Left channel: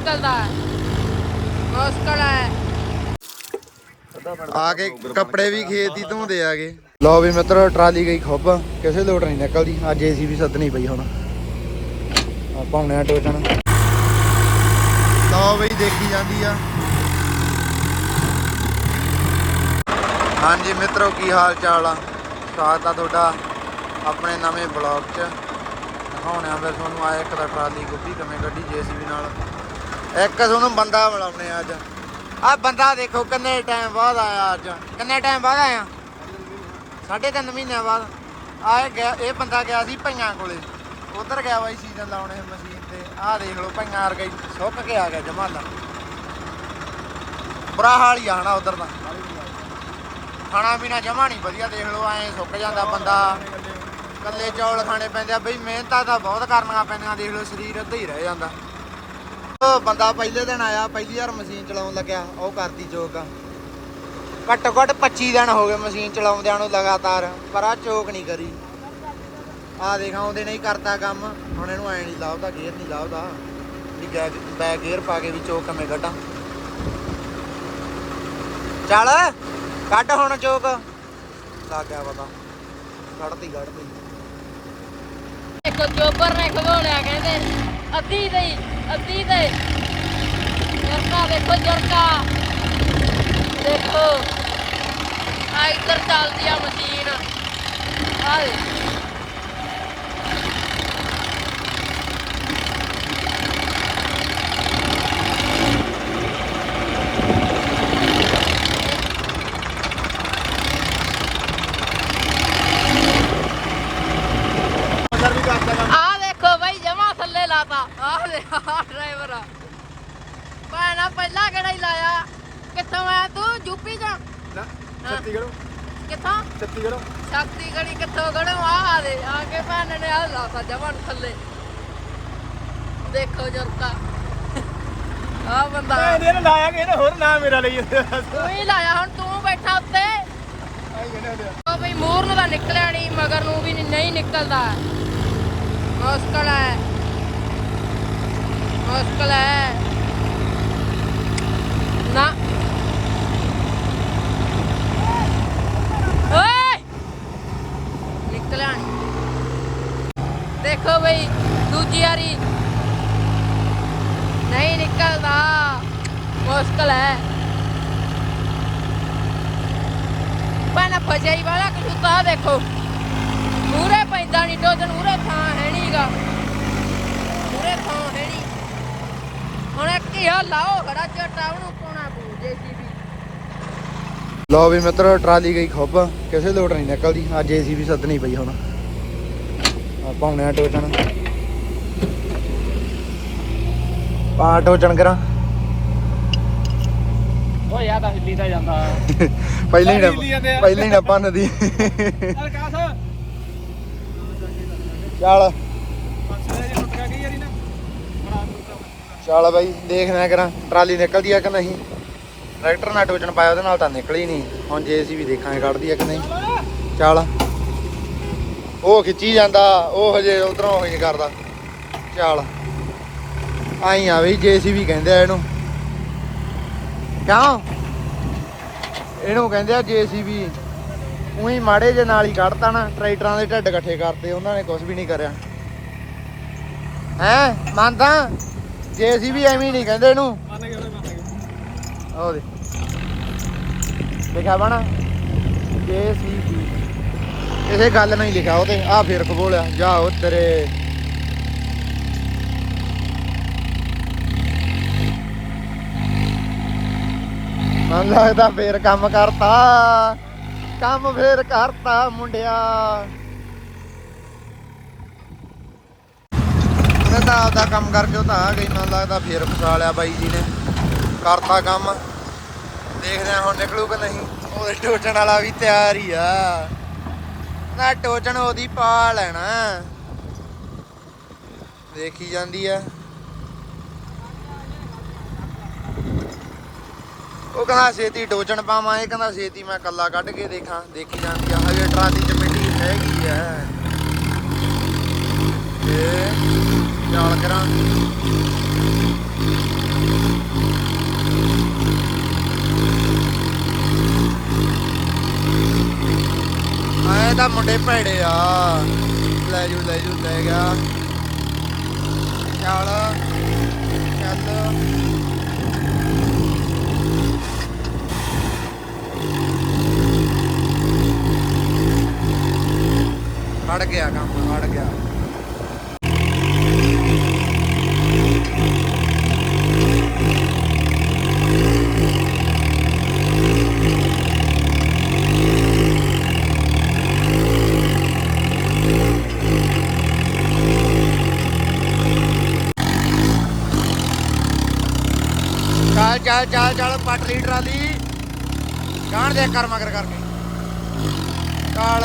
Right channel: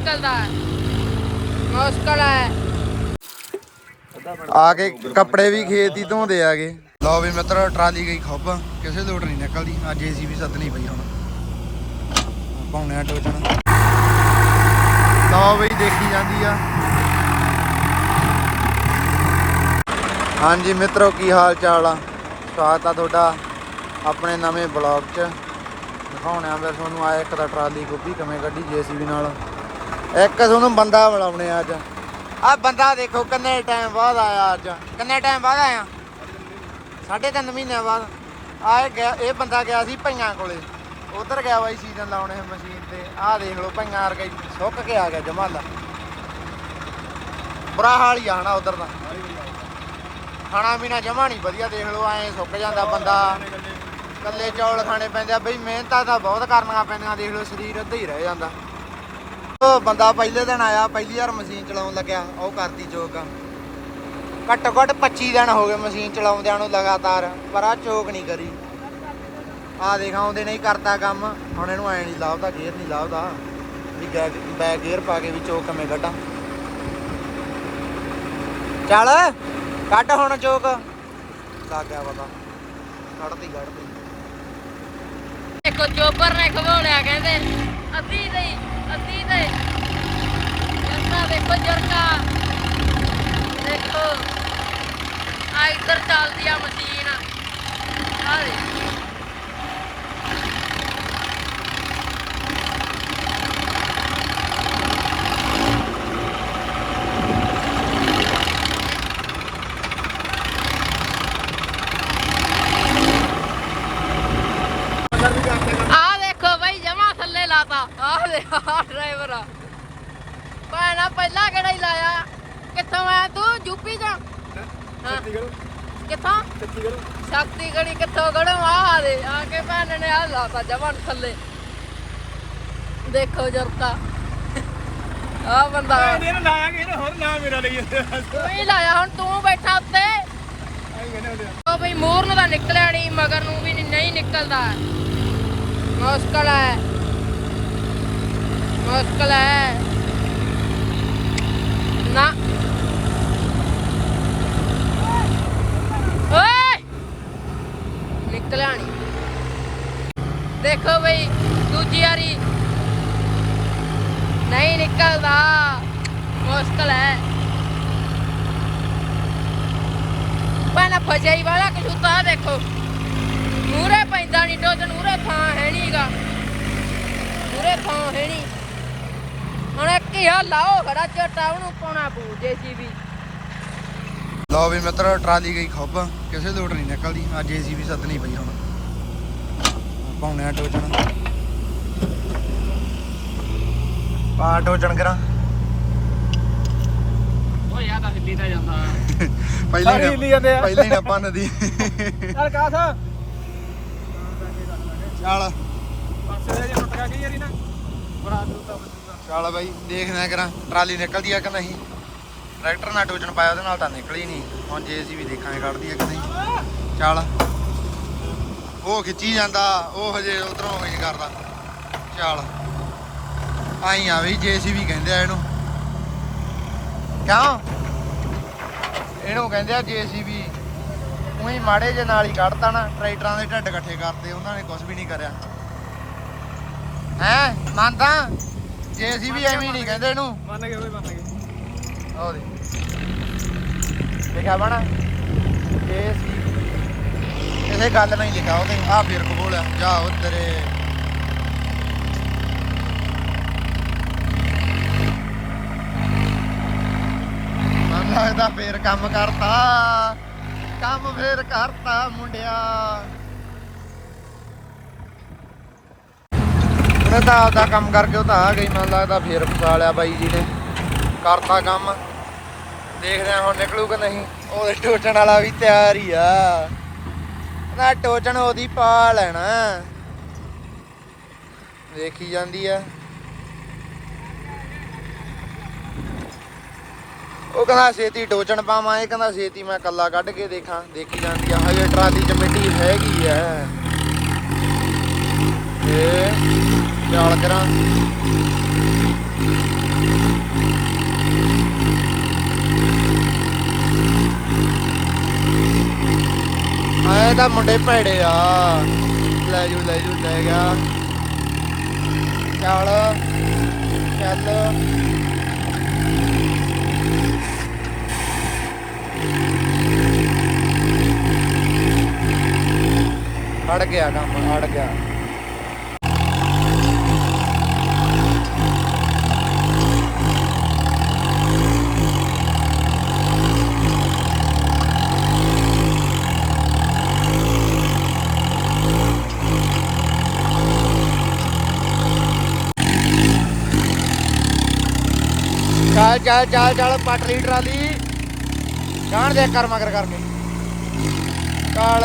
ਨਿਕਲਦਾ ਮੁਸ਼ਕਲ ਹੈ। ਆ ਕੇ ਕੱਪੜੇ ਵੀ ਖੇਤ ਹੀ ਧੋਂਦੇ ਆਗੇ। ਲੋ ਵੀ ਮਿੱਤਰੋ, ਟਰਾਲੀ ਗਈ ਖੁੱਬ। ਕਿਸੇ ਲੋਟ ਨਹੀਂ ਨਿਕਲਦੀ। ਅੱਜ ਏਸੀ ਵੀ ਸੱਦਣੀ ਪਈ ਹੁਣ। ਆਪਾਂ ਹੁਣੇ ਆ ਟੋਚਣ। ਲੋ ਬਈ, ਦੇਖੀ ਜਾਂਦੀ ਆ। ਹਾਂਜੀ ਮਿੱਤਰੋ, ਕੀ ਹਾਲ ਚਾਲ ਆ? ਸਵਾਗਤ ਆ ਤੁਹਾਡਾ ਆਪਣੇ ਨਵੇਂ ਬਲੌਗ 'ਚ। ਦਿਖਾਉਣੇ ਆ ਤੁਹਾਨੂੰ। ਆਇਆ ਇੱਕ ਤਾਂ ਟਰਾਲੀ ਗੋਭੀ, ਕਿਵੇਂ ਕੱਢੀ ਜੀਸੀਬੀ ਨਾਲ। ਇੱਕ ਤੁਹਾਨੂੰ ਬੰਦਾ ਮਿਲਾਉਣੇ ਆ ਅੱਜ। ਆ ਬੰਦਾ ਦੇਖੋ ਕਿੰਨੇ ਟਾਈਮ ਬਾਅਦ ਆਇਆ ਅੱਜ। ਕਿੰਨੇ ਟਾਈਮ ਬਾਅਦ ਆਇਆ? ਸਾਢੇ ਤਿੰਨ ਮਹੀਨਿਆਂ ਬਾਅਦ। ਆ ਇਹ ਬੰਦਾ ਗਿਆ ਸੀ ਭਈਆਂ ਕੋਲੇ। ਉਧਰ ਗਿਆ ਬਾਈ ਸੀਜ਼ਨ ਲਾਉਣੇ ਮਸ਼ੀਨ ਤੇ। ਆਹ ਦੇਖ ਲਓ ਭਈਆਂ ਵਰਗਾ ਸੁੱਕ ਕੇ ਆ ਗਿਆ ਜਮਾਲਾ। ਬੁਰਾ ਹਾਲ ਹੀ ਆਣਾ ਉਧਰ ਦਾ। ਖਾਣਾ ਪੀਣਾ ਜਮਾ ਨਹੀਂ ਵਧੀਆ, ਦੇਖ ਲਓ ਐਂ ਸੁੱਕ ਜਾਂਦਾ ਬੰਦਾ। ਕੱਲੇ ਚੌਲ ਖਾਣੇ ਪੈਂਦੇ ਆ। ਬਈ ਮਿਹਨਤਾਂ ਤਾਂ ਬਹੁਤ ਕਰਨੀਆਂ ਪੈਂਦੀਆਂ, ਦੇਖ ਲਓ ਸਰੀਰ ਅੱਧਾ ਹੀ ਰਹਿ ਜਾਂਦਾ। ਉਹ ਬੰਦਾ ਪਹਿਲੇ ਦਿਨ ਆਇਆ, ਪਹਿਲੀ ਵਾਰ ਮਸ਼ੀਨ ਚਲਾਉਣ ਲੱਗਿਆ, ਉਹ ਕਰਦੀ ਚੋਕ ਘੱਟੋ ਘੱਟ 25 ਦਿਨ ਹੋ ਗਏ ਮਸ਼ੀਨ ਚਲਾਉਂਦਿਆਂ ਨੂੰ ਲਗਾਤਾਰ, ਪਰ ਆ ਚੋਕ ਨਹੀਂ ਕਰੀ। ਆ ਦੇਖ, ਆਉਂਦੇ ਨਹੀਂ ਕਰਦਾ ਕੰਮ, ਹੁਣ ਇਹਨੂੰ ਐ ਨਹੀਂ ਲਾਉਦਾ ਗੇਅਰ ਨਹੀਂ ਲਾਉਦਾ ਵੀ ਬੈਕ ਗੇਅਰ ਪਾ ਕੇ ਵੀ ਚੋਕ ਕਿਵੇਂ ਕੱਢਾਂ। ਚੱਲ, ਕੱਢ ਹੁਣ ਚੋਕ ਲੱਗ ਗਿਆ ਪਤਾ। ਕੱਢਦੀ ਕੱਢਦੀ ਦੇਖੋ ਚੋਬਰ ਨੇ ਖਵਾਉਣਿਆ ਕਹਿੰਦੇ ਅੱਧੀ ਦੇ ਅੱਧੀ ਦੇ ਜਰਕਾ। ਦੇਖੋ ਜਰਕਾ ਦੇਖੋ ਆ ਇੱਧਰ ਚੱਲਦੀ ਆ ਮਸ਼ੀਨ। ਆ ਆ ਦੇਖੋ ਬਾਈ, ਜਮਾ ਥੱਲੇ ਲਾਤਾ। ਆ ਦੇ ਆ ਡਰਾਈਵਰ ਆ। ਭੈਣਾ ਪਹਿਲਾਂ ਕਿਹੜਾ ਹੀ ਲਾਇਆ? ਕਿੱਥੋਂ ਆਇਆ ਤੂੰ? ਯੂਪੀ ਦਾ ਛੱਤੀਗੜ੍ਹ ਕਿੱਥੋਂ? ਛੱਤੀਗੜ੍ਹ ਸ਼ਕਤੀ ਗੜੀ ਕਿੱਥੋਂ ਗੜੋਂ ਆ ਦੇ ਆ ਕੇ ਭੈਣ ਨੇ ਆ ਲਾਤਾ ਜਮਾ ਨੂੰ ਥੱਲੇ। ਦੇਖੋ ਜਰਤਾ। ਆ ਬੰਦਾ। ਇਹਨੇ ਲਾਇਆ ਕਿ ਇਹਨੇ ਹੋਰ ਨਾਂ ਮੇਰਾ ਲਈ। ਤੂੰ ਹੀ ਲਾਇਆ ਹੁਣ ਤੂੰ ਬੈਠਾ ਉੱਤੇ। ਕਹਿੰਦੇ ਹੁੰਦੇ ਆ। ਉਹ ਬਈ ਮੂਰ ਨੂੰ ਤਾਂ ਨਿਕਲਿਆ ਨਹੀਂ ਮਗਰ ਨੂੰ ਵੀ ਨਹੀਂ ਨਿਕਲਦਾ। ਮੁਸ਼ਕਲ ਹੈ। ਮੁਸ਼ਕਲ ਹੈ। ਨਾ। ਨਿਕਲਿਆ ਨਹੀਂ ਦੇਖੋ ਬਈ, ਦੂਜੀ ਵਾਰੀ। ਨਹੀਂ ਨਿਕਲਦਾ। ਮੁਸ਼ਕਲ ਹੈ। ਪਾਣਾ ਫਜਾਈ ਵਾਲਾ ਕਸੂਤਾ ਦੇਖੋ। ਮੂਰੇ ਪੈਂਦਾ ਨਹੀਂ ਟੋਜਨ ਮੂਰੇ ਥਾਂ ਹੈ ਨਹੀਂਗਾ ਮੂਰੇ ਥਾਂ ਹੈ ਨਹੀਂ ਹੁਣ ਇੱਕ ਹੀ ਆ ਲਾਓ ਖੜਾ ਝਟਾ ਉਹਨੂੰ ਪਾਉਣਾ ਪੂ ਜੇਸੀਬੀ। ਲੋ ਵੀ ਮਿੱਤਰੋ ਟਰਾਲੀ ਗਈ ਖੁੱਬ। ਕਿਸੇ ਲੋਟ ਨਹੀਂ ਨਿਕਲਦੀ। ਅੱਜ ਏਸੀ ਵੀ ਸੱਦਣੀ ਪਈ ਹੁਣ। ਆਪਾਂ ਹੁਣੇ ਆ ਟੋਚਣ। ਪਾ ਟੋਚਣ ਕਰਾਂ। ਓ ਯਾਰ ਤਾਂ ਹਿੱਲੀ ਤਾਂ ਜਾਂਦਾ। ਪਹਿਲੀ ਸਾਰੇ ਹਿੱਲੀ ਜਾਂਦੇ ਨਾ ਆ। ਪਹਿਲੀ ਨਾ ਪੰਨਦੀ ਚੱਲ ਕਾਸ। ਚੱਲ। ਪਾਸੇ ਜਾ ਟੁੱਟ ਗਿਆ ਕਈ ਵਾਰੀ ਨਾ। ਬੜਾ ਦੂਤਾ ਚੱਲ ਬਾਈ ਦੇਖਦੇ ਕਰਾਂ। ਟਰਾਲੀ ਨਿਕਲਦੀ ਆ ਕਿ ਨਹੀਂ? ਟਰੈਕਟਰ ਨਾਲ ਟੋਚਣ ਪਾਇਆ, ਉਹਦੇ ਨਾਲ ਤਾਂ ਨਿਕਲੀ ਨਹੀਂ। ਹੁਣ ਜੇਸੀ ਵੀ ਦੇਖਾਂਗੇ ਕੱਢਦੀ ਆ ਕਿ ਨਹੀਂ। ਚੱਲ। ਉਹ ਖਿੱਚੀ ਜਾਂਦਾ, ਉਹ ਹਜੇ ਉਧਰੋਂ ਹੋਈ ਕਰਦਾ। ਚੱਲ। ਆਈ ਆ ਬਈ ਜੇਸੀ ਕਹਿੰਦੇ ਆ ਇਹਨੂੰ। ਕਿਉਂ? ਇਹਨੂੰ ਕਹਿੰਦੇ ਆ ਜੇਸੀਬੀ ਉਹੀ ਮਾੜੇ ਜੇ ਨਾਲ ਹੀ ਕੱਢਤਾ ਨਾ, ਟਰੈਕਟਰਾਂ ਦੇ ਢੱਡ ਇਕੱਠੇ ਕਰਤੇ, ਉਹਨਾਂ ਨੇ ਕੁਝ ਵੀ ਨਹੀਂ ਕਰਿਆ। ਹੈ? ਮੰਨਦਾ? ਜੇਸੀਬੀ ਐਵੇਂ ਹੀ ਨਹੀਂ ਕਹਿੰਦੇ ਇਹਨੂੰ। ਮੰਨ ਗਏ ਓਏ ਮੰਨ ਗਏ। ਉਹ ਦੇ ਲਿਖਿਆ ਬਣਾ ਜੇਸੀਬੀ ਕਿਸੇ ਗੱਲ ਨਹੀਂ ਲਿਖਿਆ ਉਹਦੇ ਆ ਫੇਰ ਖੋਲਿਆ ਜਾ ਉਹ ਤੇਰੇ ਮਨ ਲੱਗਦਾ ਫੇਰ ਕੰਮ ਕਰਤਾ। ਕੰਮ ਫੇਰ ਕਰਤਾ ਮੁੰਡਿਆ। ਉਹਨੇ ਤਾਂ ਆਪਦਾ ਕੰਮ ਕਰਕੇ ਉਹ ਤਾਂ ਆ ਗਈ, ਮਨ ਲੱਗਦਾ ਫੇਰ ਫਸਾ ਲਿਆ ਬਾਈ ਜੀ ਨੇ। ਕਰਤਾ ਕੰਮ। ਦੇਖਦੇ ਆ ਹੁਣ ਨਿਕਲੂ ਕਿ ਨਹੀਂ। ਉਹਦੇ ਟੋਚਣ ਵਾਲਾ ਵੀ ਤਿਆਰ ਹੀ ਆ। ਉਹਦਾ ਟੋਚਣ ਉਹਦੀ ਪਾ ਲੈਣਾ। ਦੇਖੀ ਜਾਂਦੀ ਆ। ਉਹ ਕਹਿੰਦਾ ਛੇਤੀ ਟੋਚਣ ਪਾਵਾਂ ਇਹ ਕਹਿੰਦਾ ਛੇਤੀ ਮੈਂ ਕੱਲਾ ਕੱਢ ਕੇ ਦੇਖਾਂ। ਦੇਖੀ ਜਾਂਦੀ ਆ। ਹਜੇ ਟਰਾਲੀ ਚ ਮਿੱਟੀ ਹੈਗੀ ਆ। ਤੇ ਚਾਲ ਕਰਾਂ। ਆਏ ਤਾਂ ਮੁੰਡੇ ਭੈੜੇ ਆ। ਲੈ ਜੂ ਲੈ ਜੂ, ਲੈ ਗਿਆ। ਚਾਲ, ਚੱਲ। ਅੜ ਗਿਆ ਕੰਮ, ਅੜ ਗਿਆ। ਚੱਲ ਚੱਲ ਚੱਲ ਚੱਲ ਪੱਟ ਲਈ ਟਰਾਲੀ। ਜਾਣ ਦੇ ਕਰ ਮਗਰ ਕਰਕੇ। ਚੱਲ।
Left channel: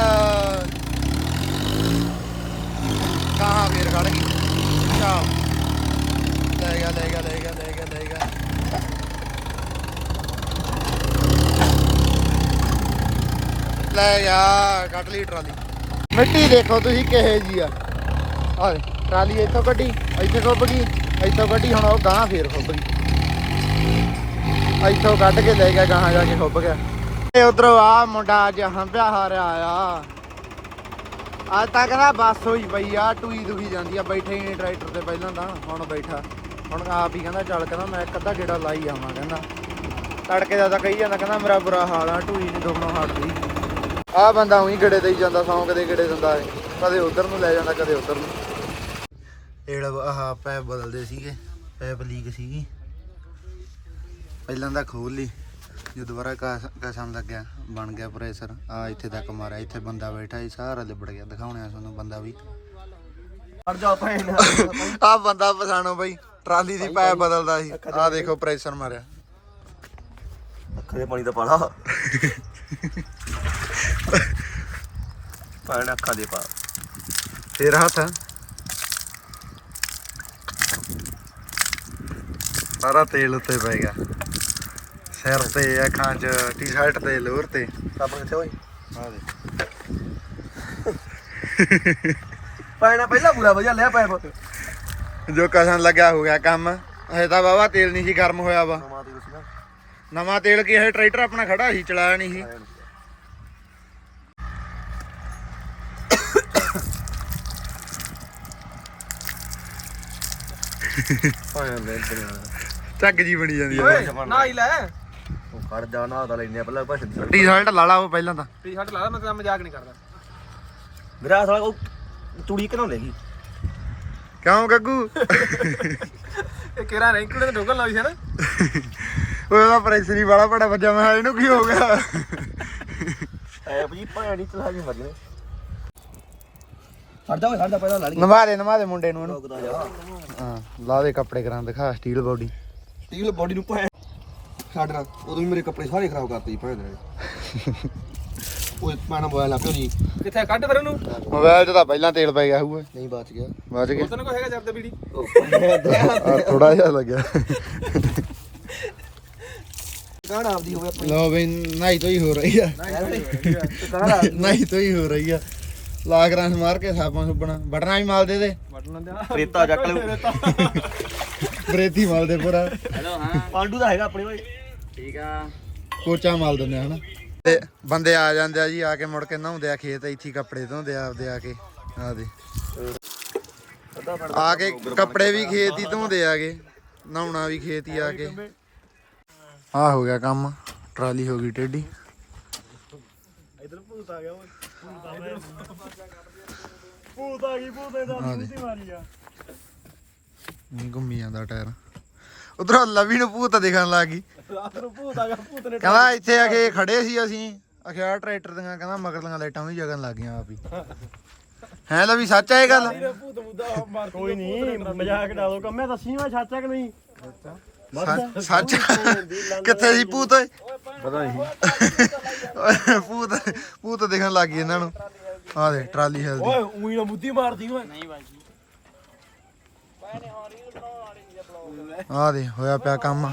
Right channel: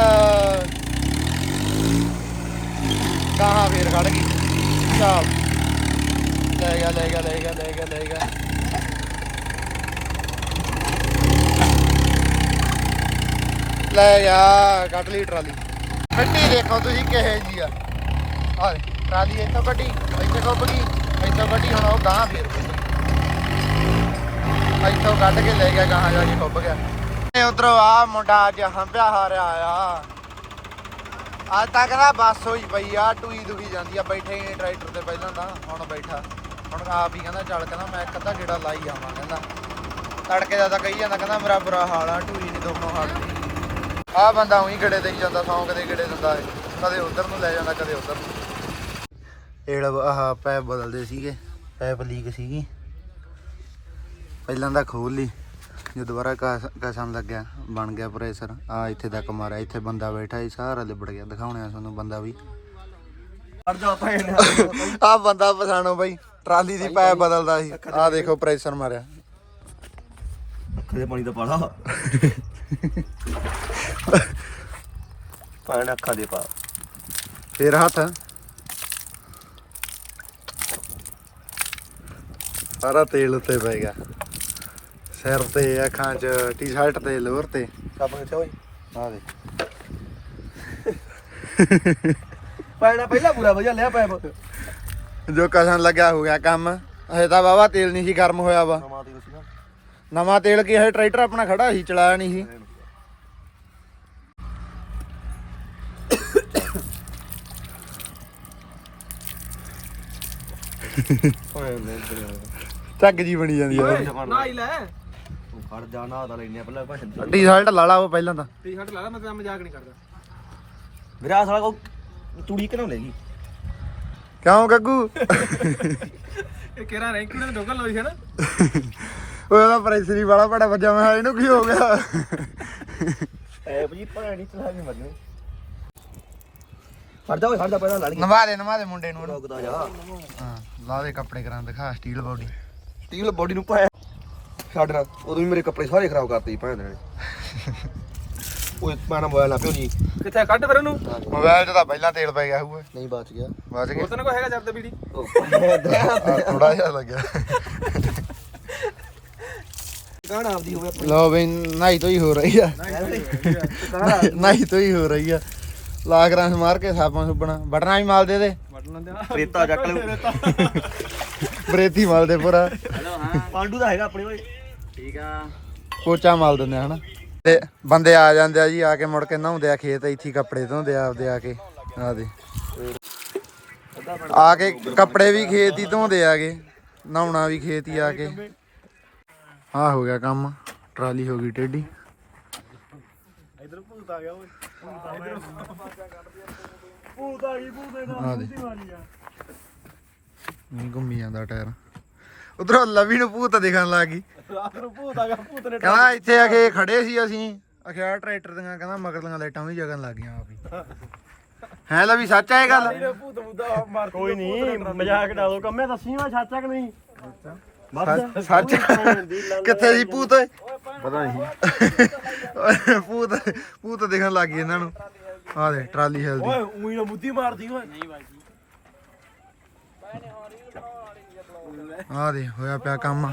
ਕਹਾਂ ਫੇਰ ਖੜ ਗਈ। ਚੱਲ। ਲੈ ਗਿਆ ਲੈ ਗਿਆ ਲੈ ਗਿਆ ਲੈ ਗਿਆ ਲੈ ਗਿਆ। ਲੈ ਗਿਆ ਕੱਢ ਲਈ ਟਰਾਲੀ। ਮਿੱਟੀ ਦੇਖੋ ਤੁਸੀਂ ਕਿਹੇ ਜੀ ਆ। ਆ ਦੇ, ਟਰਾਲੀ ਇੱਥੋਂ ਕੱਢੀ ਇੱਥੇ ਕੱਢ ਇੱਥੋਂ ਕੱਢੀ ਹੁਣ ਉਹ ਗਾਂ ਫੇਰ ਕੱਢੀ ਇੱਥੋਂ ਕੱਢ ਕੇ ਲੈ ਗਿਆ ਗਾਂ ਜਾ ਕੇ ਖੁੱਬ ਗਿਆ। ਤੇ ਉਧਰੋਂ ਆ ਮੁੰਡਾ ਅੱਜ ਹੰਭਿਆ ਹਾਰਿਆ ਆਇਆ ਅੱਜ ਤੱਕ ਨਾ ਬੱਸ ਹੋਈ ਪਈ ਆ ਟੂਈ ਦੁਗੀ ਜਾਂਦੀ ਆ ਬੈਠੇ ਹੀ ਨੀ ਟਰੈਕਟਰ ਤੇ ਪਹਿਲਾਂ ਨਾ ਹੁਣ ਬੈਠਾ। ਹੁਣ ਆਪ ਹੀ ਕਹਿੰਦਾ ਚੱਲ ਕਹਿੰਦਾ ਮੈਂ ਇੱਕ ਅੱਧਾ ਗੇੜਾ ਲਾਈ ਆਵਾਂ ਕਹਿੰਦਾ। ਤੜਕੇ ਦਾ ਤਾਂ ਕਹੀ ਜਾਂਦਾ ਕਹਿੰਦਾ ਮੇਰਾ ਬੁਰਾ ਹਾਲ ਆ ਟੂਈ ਨਹੀਂ ਦੁਗਣਾ ਆ। ਬੰਦਾ ਉਹੀ ਗੇੜੇ ਦੇਈ ਜਾਂਦਾ ਸੌਂ ਕਦੇ ਗੇੜੇ ਦਿੰਦਾ ਏ ਕਦੇ ਉਧਰ ਨੂੰ ਲੈ ਜਾਂਦਾ ਕਦੇ ਉਧਰ ਨੂੰ। ਇਹ ਆਹ ਪੈਪ ਬਦਲਦੇ ਸੀਗੇ ਪੈਪ ਲੀਕ ਸੀਗੀ। ਪਹਿਲਾਂ ਤਾਂ ਖੋਲ ਲਈ ਜੋ ਦੁਬਾਰਾ ਕਸ- ਕਸਣ ਲੱਗਿਆ ਬਣ ਗਿਆ ਪ੍ਰੈਸ਼ਰ। ਆ ਇੱਥੇ ਤੱਕ ਮਾਰਿਆ ਇੱਥੇ ਬੰਦਾ ਬੈਠਾ ਸੀ ਸਾਰਾ ਲਿਬੜ ਗਿਆ। ਦਿਖਾਉਣੇ ਆ ਤੁਹਾਨੂੰ ਬੰਦਾ ਵੀ। ਅੜ ਜਾ ਭੈਣ ਆ ਬੰਦਾ ਪਛਾਣੋ ਬਈ ਟਰਾਲੀ ਦੀ ਪੈਪ ਬਦਲਦਾ ਸੀ। ਆ ਦੇਖੋ ਪ੍ਰੈਸ਼ਰ ਮਾਰਿਆ। ਅੱਖਾਂ ਦੇ ਪਾਣੀ ਦਾ ਪਾਲਾ। ਪਾਣੀ ਅੱਖਾਂ ਦੇ ਪਾ। ਫੇਰ ਹੱਥ। ਸਾਰਾ ਤੇਲ ਉੱਤੇ ਪੈ ਗਿਆ। ਸਿਰ ਤੇ ਅੱਖਾਂ 'ਚ ਟੀ-ਸ਼ਰਟ ਤੇ ਲੋਅਰ ਤੇ। ਸਭ ਕਿੱਥੇ ਹੋਈ ਆ ਦੇ ਪਾਣਾ ਪਹਿਲਾਂ ਪੂਰਾ ਵਧੀਆ ਲਿਆ ਪੈਪ। ਜੋ ਕਸਣ ਲੱਗਿਆ ਹੋ ਗਿਆ ਕੰਮ। ਹਜੇ ਤਾਂ ਬਾਬਾ ਤੇਲ ਨਹੀਂ ਸੀ ਗਰਮ ਹੋਇਆ ਵਾ। ਨਵਾਂ ਤੇਲ ਕੀ ਹੈ ਟਰੈਕਟਰ ਆਪਣਾ ਖੜਾ ਸੀ ਚਲਾਇਆ ਨਹੀਂ ਸੀ। ਪਾਣਾ ਮੈਂ ਝੱਗ ਜੀ ਬਣੀ ਜਾਂਦੀ ਆ ਨਾ ਹੀ ਲੈ। ਤੂੰ ਖੜ ਜਾ ਨਾ ਦਾ ਲੈਨੇ ਪਹਿਲਾਂ ਭਾਸ਼ਣ ਦੀ ਟੀ-ਸ਼ਰਟ ਲਾ ਲਾ ਉਹ ਪਹਿਲਾਂ ਤਾਂ। ਟੀ ਸ਼ਰਟ ਲਾ ਮੈਂ ਤਾਂ ਮਜ਼ਾਕ ਨਹੀਂ ਕਰਦਾ। ਮੇਰਾ ਸਾਲਾ ਕੋ ਚੂੜੀ ਕਿਉਂ ਲੈਗੀ ਕਿਉਂ ਗੱਗੂ? ਇਹ ਕਿਹੜਾ ਰੈਂਕ ਤੇ ਡੋਗਲ ਲਾਈ ਹੈ ਨਾ? ਉਹਦਾ ਪ੍ਰੈਸ਼ਰ ਹੀ ਬੜਾ ਬੜਾ ਵੱਜਾ ਮੈਂ ਕਿਹਾ ਇਹਨੂੰ ਕੀ ਹੋ ਗਿਆ? ਐਪ ਜੀ ਭਾਂ ਨਹੀਂ ਚਲਾ ਜੀ ਮਰਨੇ ਹਟ ਜਾ ਓਏ ਹਟ ਜਾ ਪਹਿਲਾਂ ਲਾ ਲਈ ਨਮਾ ਦੇ ਨਮਾ ਦੇ ਮੁੰਡੇ ਨੂੰ ਇਹਨੂੰ। ਰੋਕਦਾ ਜਾ। ਹਾਂ ਲਾ ਦੇ ਕੱਪੜੇ ਕਰਾਂ ਦਿਖਾ ਸਟੀਲ ਬੋਡੀ। ਸਟੀਲ ਬੋਡੀ ਨੂੰ ਭਾਂ ਛੱਡ ਨਾ ਉਦੋਂ ਵੀ ਮੇਰੇ ਕੱਪੜੇ ਸਾਰੇ ਖਰਾਬ ਕਰਤੇ ਜੀ ਭਾਂ ਦੇ ਨੇ। ਓਏ ਪਾਣਾ ਮੋਬਾਈਲ ਨਾ ਪਿਓ ਜੀ ਕਿੱਥੇ ਕੱਢ ਫਿਰ ਉਹਨੂੰ। ਮੋਬਾਈਲ 'ਚ ਤਾਂ ਪਹਿਲਾਂ ਤੇਲ ਪੈ ਗਿਆ ਹੋਊਗਾ। ਨਹੀਂ ਬਚ ਗਿਆ। ਬਚ ਉਹ ਤਾਂ ਨਾ ਕੋਈ ਹੈਗਾ ਜਰਦ ਬੀੜੀ? ਗਿਆ ਥੋੜਾ ਜਿਹਾ ਲੱਗਿਆ। ਕਾਹਨ ਆਪਦੀ ਹੋਵੇ ਆਪਣੀ। ਲਓ ਬਈ ਨਾਈ ਤੋਂ ਹੀ ਹੋ ਰਹੀ ਆ। ਨਾਈ ਤੋਂ ਹੀ ਹੋ ਰਹੀ ਆ। ਲਾਗ ਰਾਂ ਮਾਰ ਕੇ ਸਾਪਾਂ ਸੁਪਣਾ। ਬਟਨਾ ਵੀ ਮਾਲ ਦੇ ਦੇ। ਰੇਤਾ ਚੱਕ ਲੈ ਬਰੇਤੀ ਮਾਲ ਦੇ ਪੂਰਾ। ਪਾਂਡੂ ਦਾ ਹੈਗਾ ਆਪਣੇ ਓਏ ਕੋਚਾ ਮਾਲ ਦਿੰਦੇ ਆ, ਹਨਾ? ਤੇ ਬੰਦੇ ਆ ਜਾਂਦੇ ਆ ਜੀ, ਆ ਕੇ ਮੁੜ ਕੇ ਨਹਾਉਂਦੇ ਆ ਖੇਤ, ਇੱਥੇ ਹੀ ਕੱਪੜੇ ਧੋਂਦੇ ਆ ਆਪਦੇ ਆ ਕੇ। ਆ ਦੇ। ਆ ਕੇ ਕੱਪੜੇ ਵੀ ਖੇਤ ਹੀ ਧੋਂਦੇ ਆਗੇ, ਨਹਾਉਣਾ ਵੀ ਖੇਤ ਹੀ ਆ ਕੇ। ਆ ਹੋ ਗਿਆ ਕੰਮ, ਟਰਾਲੀ ਹੋ ਗਈ ਟੇਢੀ। ਇਧਰ ਭੂਤ ਆ ਗਿਆ ਓਏ ਭੂਤ ਆ ਗਈ ਭੂਤ ਇਹਦਾ ਆ ਨਹੀਂ ਘੁੰਮੀ ਜਾਂਦਾ ਟਾਇਰ। ਉਧਰੋਂ ਲਵੀ ਨੂੰ ਭੂਤ ਦਿਖਣ ਲੱਗ ਗਈ। ਰਾਤ ਨੂੰ ਭੂਤ ਆ ਗਿਆ ਭੂਤ ਨੇ ਕਹਿੰਦਾ ਇੱਥੇ ਆ ਕੇ ਖੜੇ ਸੀ ਅਸੀਂ। ਅਖਿਆ ਟਰੈਕਟਰ ਦੀਆਂ ਕਹਿੰਦਾ ਮਗਰਲੀਆਂ ਲਾਈਟਾਂ ਵੀ ਜਗਣ ਲੱਗ ਗਈਆਂ ਆਪ ਹੀ। ਹੈ ਲਵੀ ਸੱਚ ਆ ਇਹ ਗੱਲ? ਭੂਤ ਮੁੱਦਾ ਮਾਰ ਕੋਈ ਨਹੀਂ ਮਜ਼ਾਕ ਡਾਲੋ ਕੰਮੇ ਦੱਸੀ ਮੈਂ ਸੱਚ ਆ ਕਿ ਨਹੀਂ? ਸੱਚ- ਸੱਚ ਕਿੱਥੇ ਸੀ ਭੂਤ? ਓਏ ਪਤਾ ਨਹੀਂ। ਭੂਤ ਭੂਤ ਦਿਖਣ ਲੱਗ ਗਈ ਇਹਨਾਂ ਨੂੰ। ਆ ਦੇ ਟਰਾਲੀ ਹਿਲਦੀ। ਓਏ ਉਹੀ ਨਾ ਮੁੱਦੀ ਮਾਰਦੀ ਓਏ। ਨਹੀਂ ਆ ਦੇ ਹੋਇਆ ਪਿਆ ਕੰਮ।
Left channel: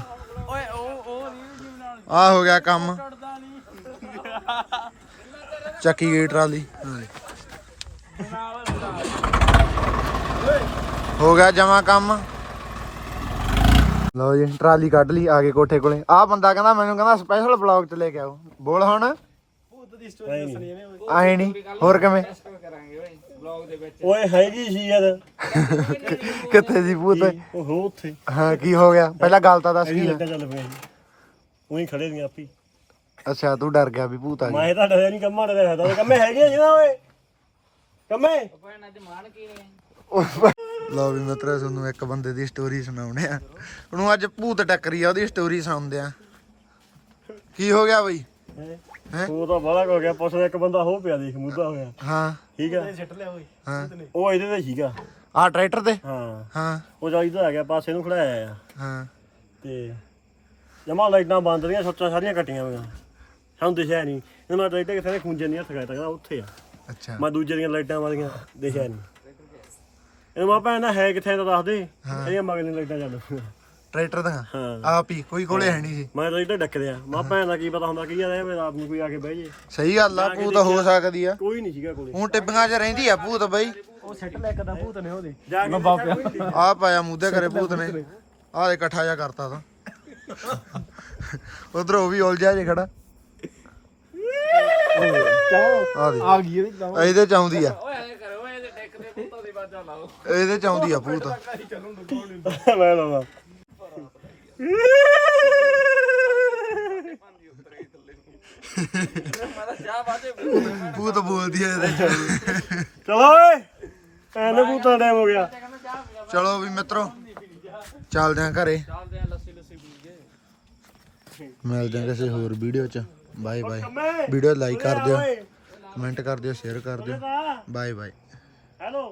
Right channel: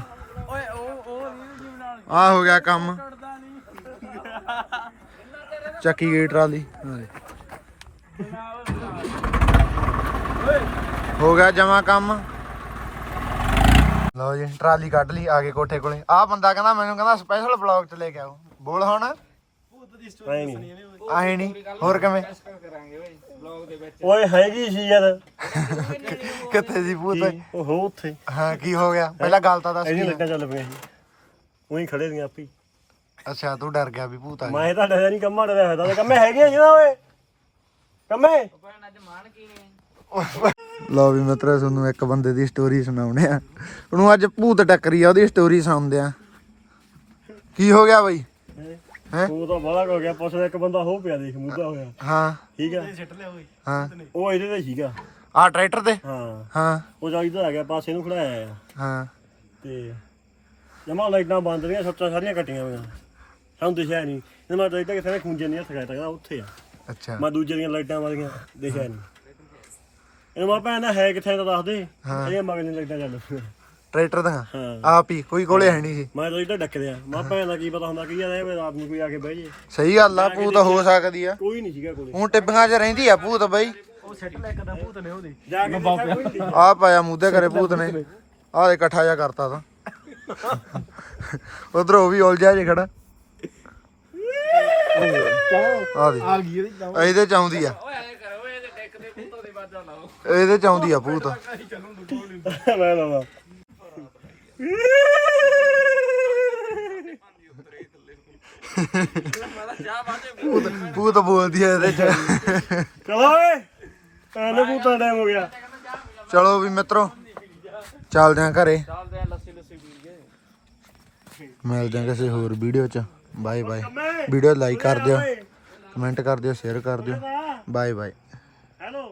ਆ ਹੋ ਗਿਆ ਕੰਮ। ਚੱਕੀ ਗਈ ਟਰਾਲੀ। ਹੋ ਗਿਆ ਜਮਾ ਕੰਮ। ਲਓ ਜੀ ਟਰਾਲੀ ਕੱਢ ਲਈ ਆ ਕੋਠੇ ਕੋਲੇ। ਆ ਬੰਦਾ ਕਹਿੰਦਾ ਮੈਨੂੰ ਕਹਿੰਦਾ ਸਪੈਸ਼ਲ ਬਲੌਗ ਚ ਲੈ ਕੇ ਆਓ। ਬੋਲ ਹੁਣ। ਆਏ ਨਹੀਂ ਹੋਰ ਕਿਵੇਂ? ਓਏ ਹੈਗੀ ਸੀ ਯਾਰ। ਕਿੱਥੇ ਦੀ ਭੂਤ? ਉਹ ਹੋ ਉੱਥੇ। ਹਾਂ ਕੀ ਹੋ ਗਿਆ? ਪਹਿਲਾਂ ਗੱਲ ਤਾਂ ਦੱਸ ਕੀ ਚੱਲ ਸੀ। ਉਹੀ ਖੜੇ ਦੀਆਂ ਆਪੀ। ਅੱਛਾ ਤੂੰ ਡਰ ਗਿਆ ਵੀ ਭੂਤ ਆ ਗਿਆ। ਮੈਂ ਤਾਂ ਡਰਿਆ ਨਹੀਂ ਕੰਮਾਂ ਡਰਿਆ ਹੋਇਆ ਤਾਂ ਕੰਮੇ ਹੈਗੇ ਜਿਹਦਾ ਓਏ। ਕੰਮੇ? ਲਓ ਵੀ ਮਿੱਤਰੋ ਤੁਹਾਨੂੰ ਇੱਕ ਬੰਦੇ ਦੀ ਸਟੋਰੀ ਸੁਣਾਉਣੇ ਆ। ਉਹਨੂੰ ਅੱਜ ਭੂਤ ਟੱਕਰੀ ਆ ਉਹਦੀ ਸਟੋਰੀ ਸੁਣਾਉਂਦੇ ਆ। ਕੀ ਹੋ ਗਿਆ ਬਈ? ਹੈਂ? ਤੂੰ ਤਾਂ ਬੜਾ ਹੋ ਗਿਆ ਪੁੱਛਦਾ ਇੱਕ ਬੰਦਾ ਹੋ ਪਿਆ ਦੇਖ ਮੁੱਦਾ ਹੋਇਆ। ਹਾਂ। ਠੀਕ ਆ? ਹਾਂ। ਉਹ ਇਹਦੇ ਤੇ ਸੀਗਾ। ਆ ਟਰੈਕਟਰ ਤੇ? ਹਾਂ। ਹਾਂ। ਉਹ ਜਾਈਦਾ ਆ ਗਿਆ ਪਾਸੇ ਨੂੰ ਖੜਾਇਆ ਆ। ਹਾਂ। ਤੇ ਜਮਾ ਲਾਈਟਾਂ ਬੰਦ ਰਹੀਆਂ ਸੱਚਾਂ ਸਾਰੀਆਂ ਕੱਟੀਆਂ ਹੋਈਆਂ। ਸਾਨੂੰ ਦਿਖਿਆ ਨਹੀਂ ਇਹ ਮੈਂ ਲਾਈਟਾਂ ਕਿਸੇ ਨੇ ਖੁੰਝੇ ਨਹੀਂ ਹੱਥ ਗਿਆ ਤਾਂ ਕਹਿੰਦਾ ਉੱਥੇ ਆ। ਅੱਛਾ। ਮੈਂ ਦੂਜੇ ਦੀਆਂ ਲਾਈਟਾਂ ਵਾਲੀਆਂ ਦੇਖਿਆ ਨਹੀਂ ਇਹਨੂੰ ਮੈਂ ਭੈਣ ਹੈ ਕਿੱਥੇ ਤਾਂ ਦੱਸ ਦੇ। ਇਹਦੀਆਂ ਮਗਲੀਆਂ ਲਾਈਟਾਂ ਚੱਲ। ਟਰੈਕਟਰ ਦਾ ਹਾਂ। ਆਪ ਹੀ ਕੋਈ ਕੋਲੇ ਹੈ ਨਹੀਂ ਸੀ ਮੈਂ ਤਾਂ ਇੱਧਰ ਡੱਕਦੇ ਆ। ਮੈਂ ਭੈਣ ਦਾ ਕੀ ਪਤਾ ਹੁੰਦਾ ਕੀ ਆ ਇਹ ਰਾਤ ਨੂੰ ਕੋਈ ਆ ਕੇ ਬਹਿ ਜੇ। ਸਹੀ ਗੱਲ ਆ ਭੂਤ ਹੋ ਸਕਦੀ ਆ। ਕੋਈ ਨਹੀਂ ਸੀਗਾ ਕੋਲੇ। ਹੁਣ ਟਿੱਬੀਆਂ 'ਚ ਰਹਿੰਦੀ ਆ ਭੂਤ ਬਈ। ਉਹ ਸੈੱਟ ਮੈਂ ਕਦਾ ਭੂਤ ਨੇ ਉਹਦੇ। ਜਾ ਕੇ ਬਾਪਿਆ ਆ। ਪਾਇਆ ਮੂਧੇ ਕਰੇ ਭੂਤ ਨੇ। ਆਹ ਦੇ ਇਕੱਠਾ ਜਿਹਾ ਕਰਤਾ ਤਾਂ। ਉਧਰ ਉਹ ਵੀ ਉਲਝਿਆ ਜੇ ਖੜਾ। ਆ ਦੇ ਆ ਗਈ ਇਹਦੀ ਚ ਆਉਂਦੀ ਆ। ਇਹਦੇ ਚ ਆਉਂਦੀ ਆ ਭੂਤ। ਮੈਂ ਲਾਵਾ ਭੂਤ ਬੋਲਦੀ ਆ ਇਹਦੇ ਚ। ਚਲੋ ਓਏ ਐਨ ਭੂਤਾਂ ਟਾਈਮ ਹੋ ਗਿਆ। ਚਲੋ ਵੀ ਮਿੱਤਰੋ ਚੱਲਦੇ ਆਂ ਘਰੇ। ਮਿਲਦੇ ਆਂ ਕਿਸੇ ਹੋਰ ਵੀਡੀਓ ਚ। ਬਾਏ ਬਾਏ ਵੀਡੀਓ ਲਾਈਕ ਕਰ ਦਿਓ। ਕਮੈਂਟ ਕਰ ਦਿਓ ਸ਼ੇਅਰ ਕਰ ਦਿਓ। Bye bye hello